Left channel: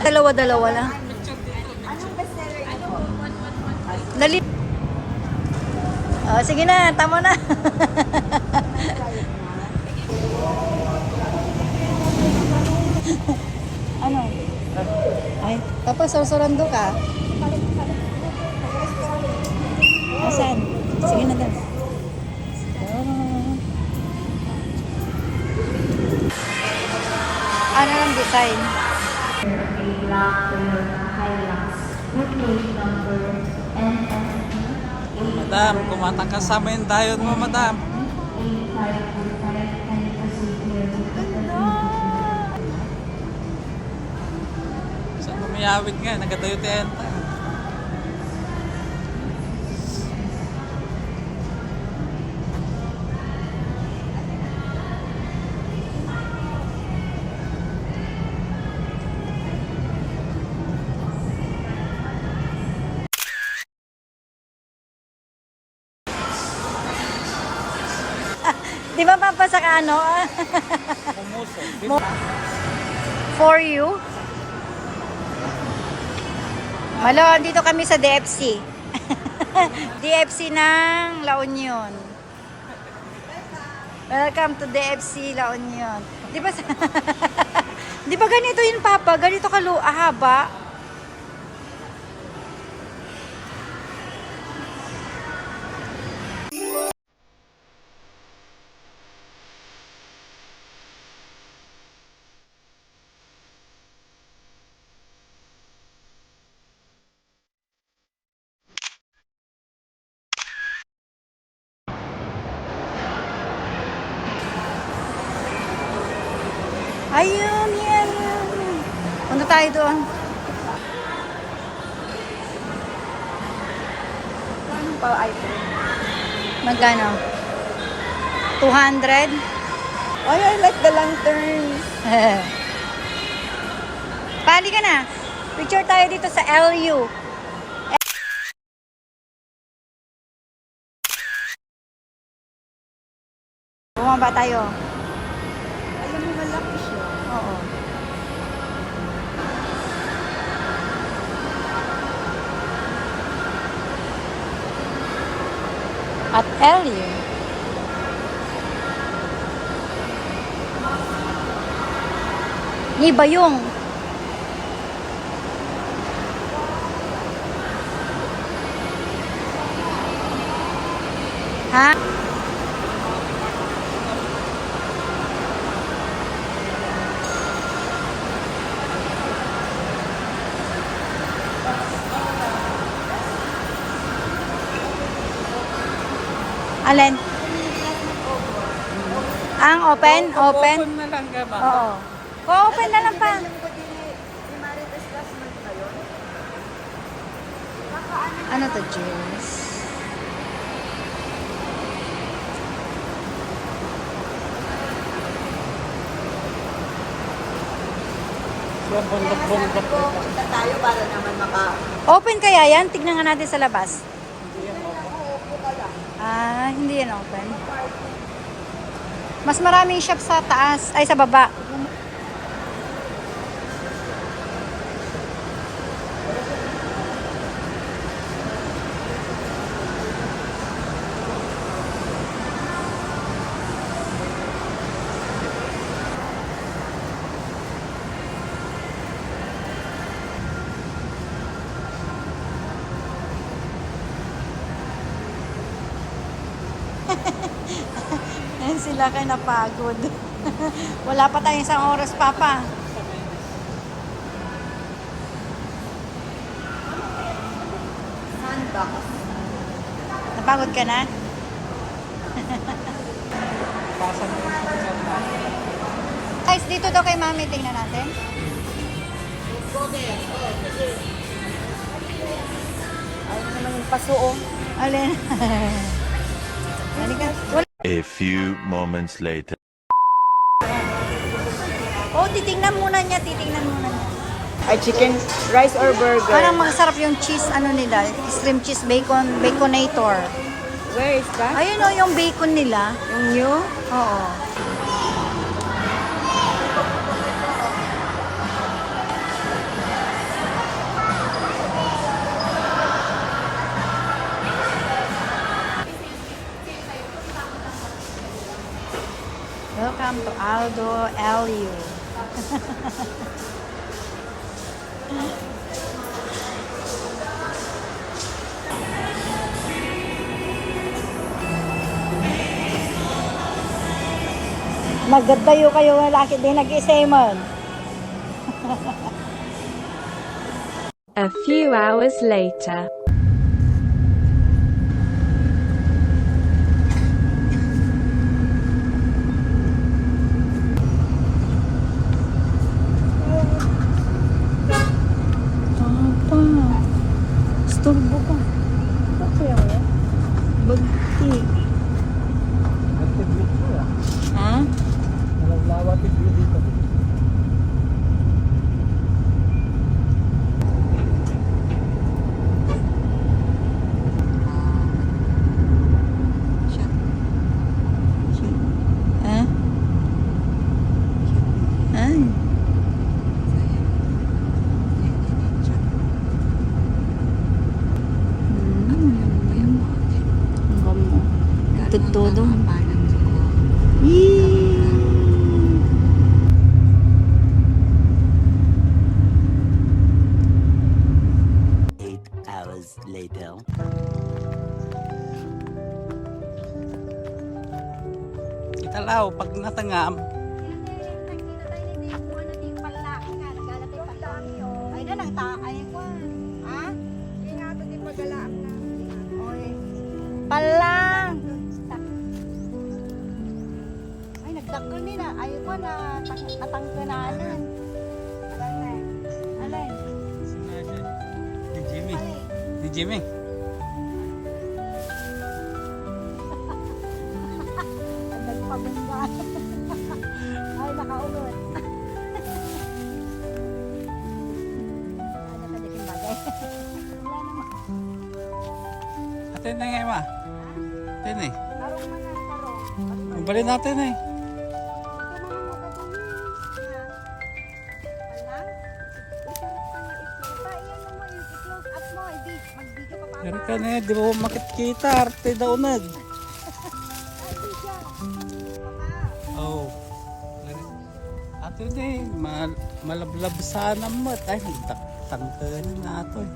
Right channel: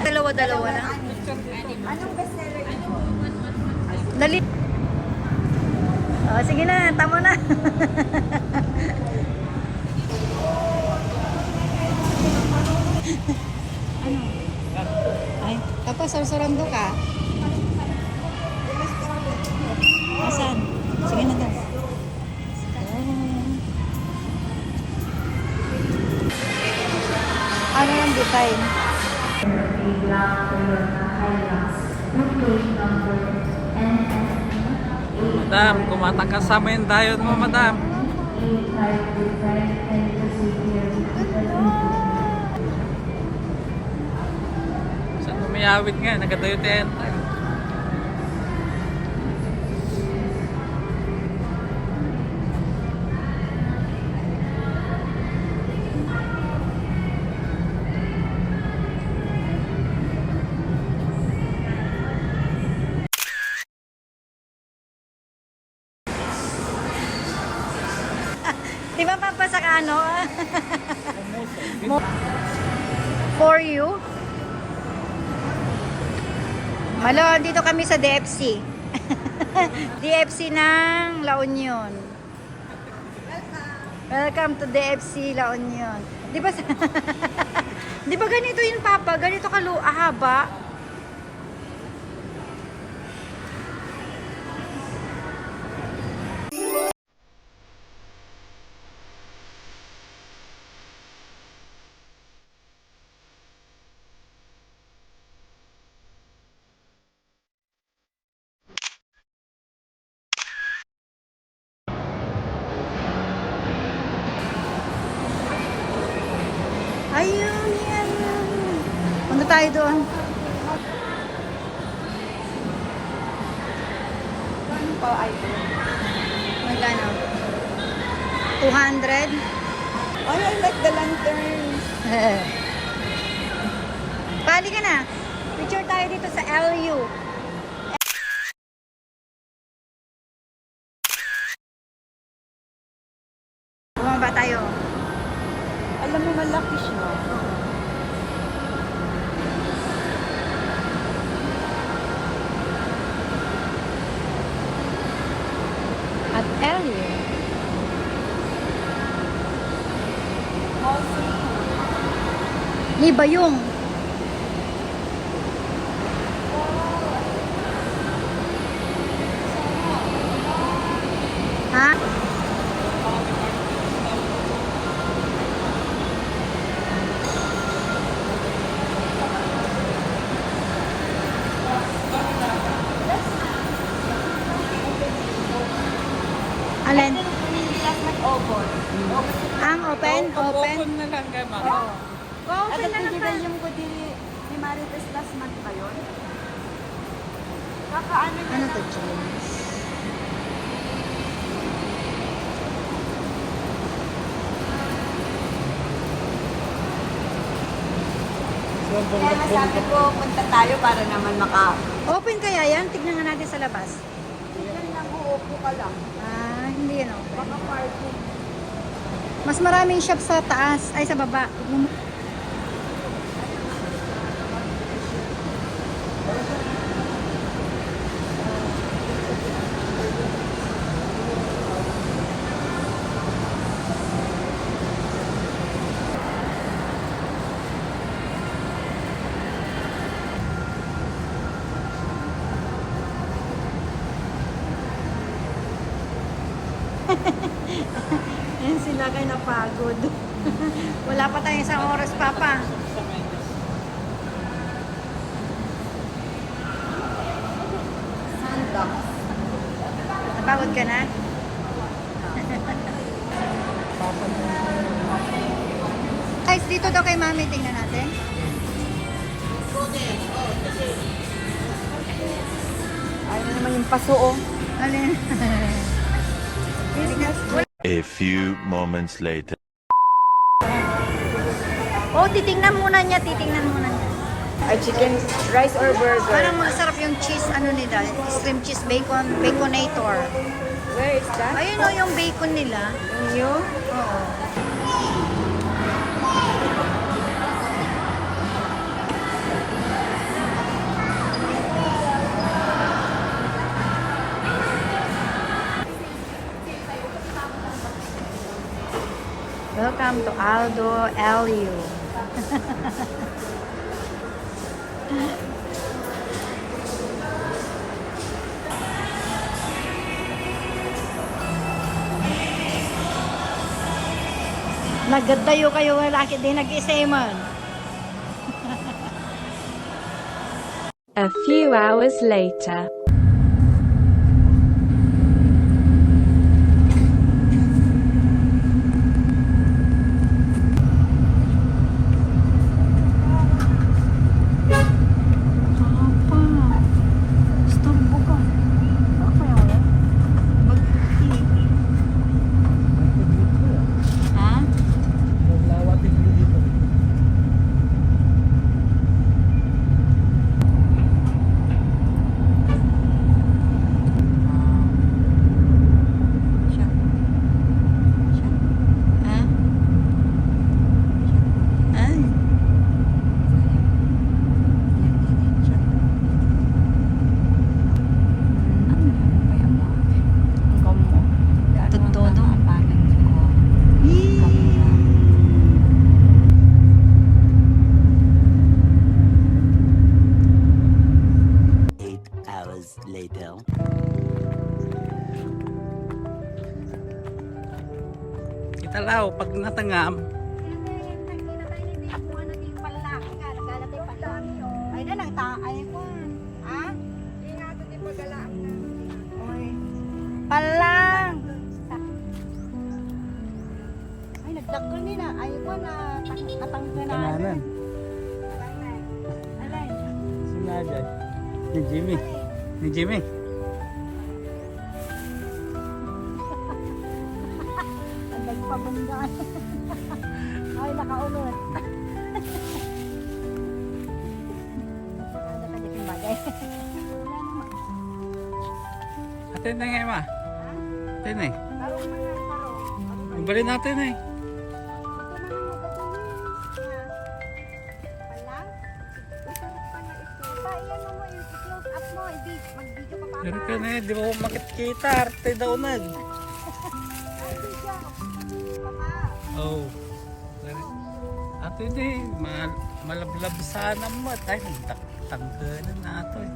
Dalawa-dalawa lang. Anong bestseller ito? Dali. Oh, sige na, tama na. Ano? Ay, Papa, sasurando ka. Asan? Sige na daw. Oh. Ano lang design? Madam, kumatangkas sa amin tayo mo, madam. Saan umayawid nga? Nagatayo tayo. Di ba papasa ka ano? For you? Malo, dito kami sa DFC. DFC ng La Union. Welcome to DFC La Union. Di ba Di ba ganito yun, Papa? Ganito haba? Ayun, yan. Punta tayo doon. Magkano? 200? Oh, I like the lanterns. Pali ka na. Picture tayo dito sa LU. Bumaba tayo. Alam mo, malaki siya. Oo. At LU. Ni Bayong. Ha? Alin? Ang open? Open? Na lang ka ba? Oo. O-open na lang pa. Ano to, jeans? Sabi ko, punta tayo para naman Open kaya yan? Tignan nga natin sa labas. Ah, hindi yan open. Mas maraming shop sa taas, ay sa baba. Ayan sila kayo napagod. Wala pa tayong isang oras, Papa. Sandbox. Napagod ka na? Pasan mo yung sunod na. Guys, dito daw kay Mami, tingnan natin. Ano yung pasuong? Alin? A few moments later. Oh, titingnan muna niya, titingnan muna niya. Ay, chicken, rice or burger? Parang masarap yung cheese, ano nila, stream cheese bacon, baconator. Where is that? Ayun o, yung bacon nila. New? Oo. Welcome to Aldo Elio. Nagadayo kayo laki din nag-iseman. A few hours later. Papa, storbo ka. Ano kaya yan? Bagti. Ha? Ha? Ay. Todo. Yee. 8 hours later. Italaw, pag natangam. Ay na nang taay ko. Ha? Hindi nga ito din magalaan na. Oy. Palang. Ay nagdakkel ni na. Ay ko na natangke na. Ano? Alay. Sinadya. Ni Jimmy. Ni Jimmy. Adag pabunggaan. Ay nakaungot. Pagkada ka din bagay. Wala naman. Atin na yan, ma. Atin na eh. Parang mga parang. Mabalin natin eh. Ito na lang magkatuloy. Wala? Isarap ka na ito. Iyan mo yung i-close up mo. Mag-video ka pa. Pero ka na eh, di mo makikita. Arte daw na. Oh. Atin eh. Malablab sana mo. Ay, tangka na natin.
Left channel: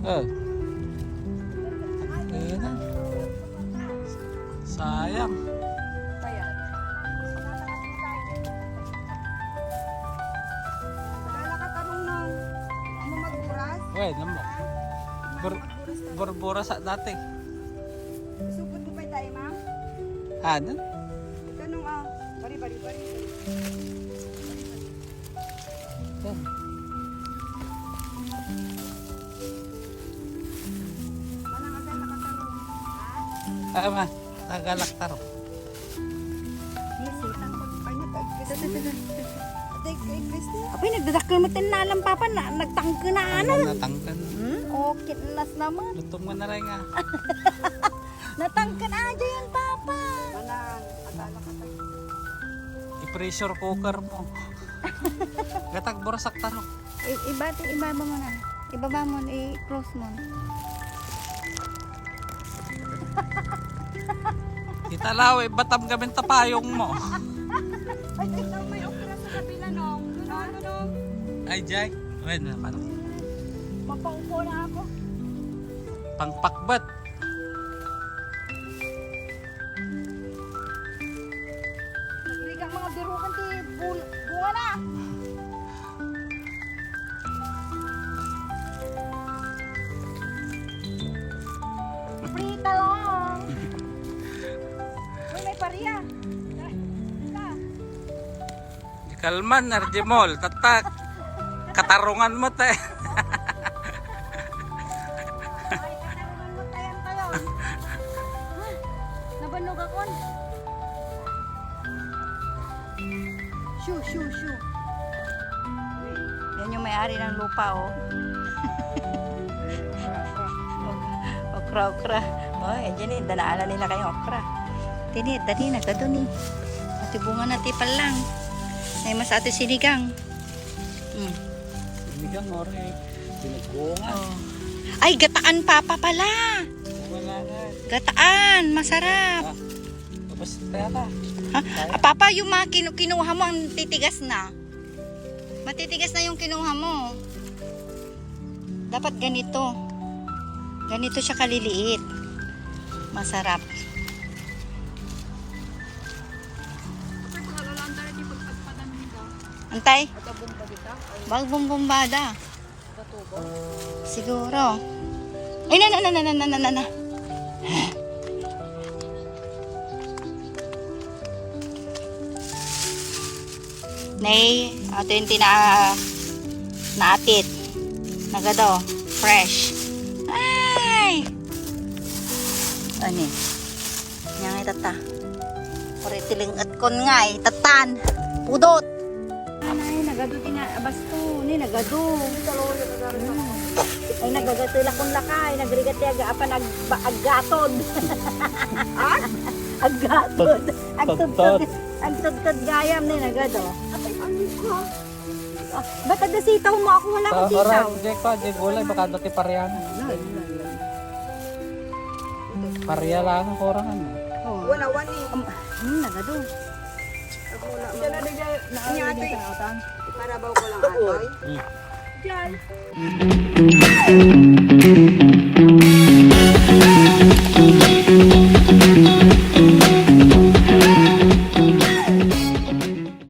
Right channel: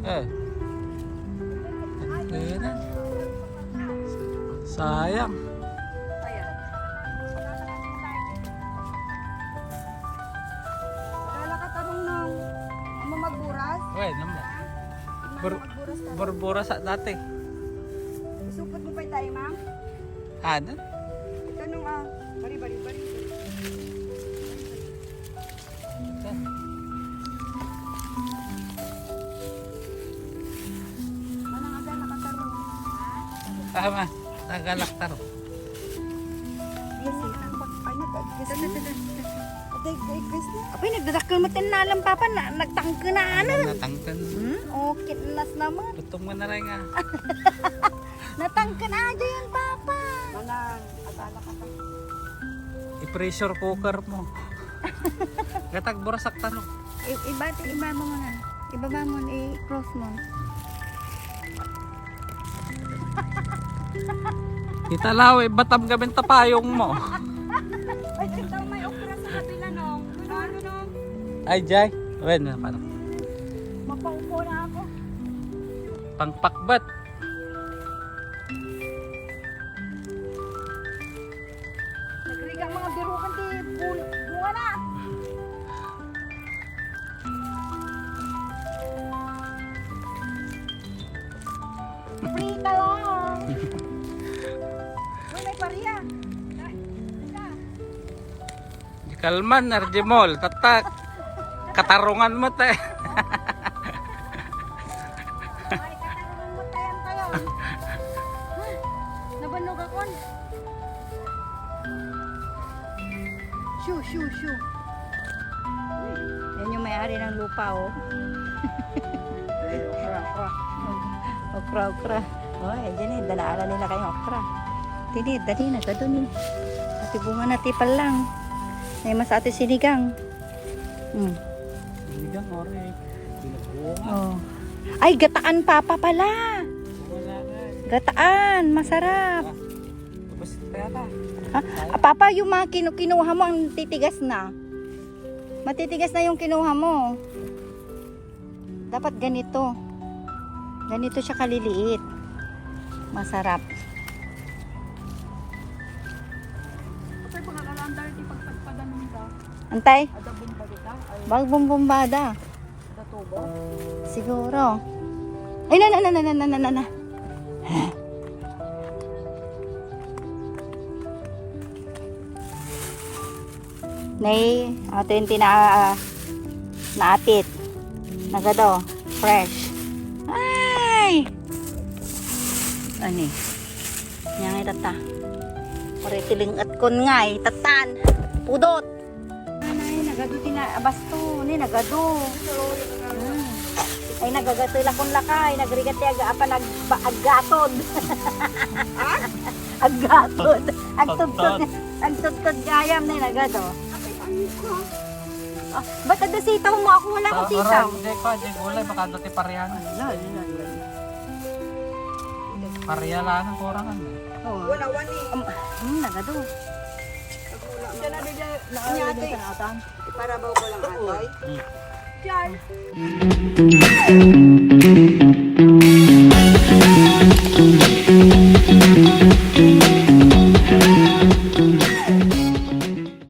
Tangka na. Sayang. Kaya nakatarong nung ano magburas? Uy, namo. Magburas ka. Borbora sa dati. Isupot mo pa tayo, ma'am? Ano? Ito nung bari. Ito. Manang aga nakatarong. Ah, ma. Tagalak taro. Easy. Ay, nag-guess na. Nag-guess na. Apay nagdadakkel mo tinalang papa na nagtangke na ano. Natangkan. Okay nas naman. Lutong mo na rin nga. Natangke na aja yan papa. Manang, akala ka pa. I-pressure cooker mo. Gatag burasak taro. Iba mo na. Ibaba mo i-close mo. Italaw, batam gamin tapayong mo. Ay, ito may okra sa kabila nung. Ano? Ay, Jay. Wen, paano? Mapaupo na ako. Pangpakbat. Nagrigang mga birukan ti bunga na. Free ka lang. May pariya. Di kalman, Arjimol. Tatak. Katarungan mo, te. Ay, katarungan mo tayan tayo. Nabanog ako. Shoo. Yan yung may-ari ng lupa, oh. Okra. Oh, yan eh. Danaalan nila kayong okra. Tinid, dali na ka doon eh. Ati bunga na tipal lang. May mas ate sinigang. Sinigang, ore. Binagbuong. Oh. Ay, gataan papa pala. Wala na. Gataan, masarap. Tapos kaya ka. Ha? Papa, yung mga kinuha mo, ang titigas na. Matitigas na yung kinuha mo. Dapat ganito. Ganito siya kaliliit. Masarap. Kasi pag alalandar iti pagpagpadamin ka, Antay, aga bumbadita, ay bagbumbumada. katubo. Siguro. Ay, na. Nay, ato yung naatit. Nagado, fresh. Ay! Ani? Yang tata. Ore tiling at kon nga tatan. Pudot. Anay, nagado abasto ni nagado. Ay nagagatula kon lakay, nagrigati apan aggatod. Aggatod. Agtudtod gayam ni nagado. Ate, ang mukha. Ah, ba't ada sitaw mo? Ako wala akong sitaw. Di pa, di gulay, baka dati parehan. Pareha lang ang kurangan. Oh. Wala, wani. Nagado. Diyan na diyan. Ni ate. Iparabaw ko lang atoy. Hmm. Diyan.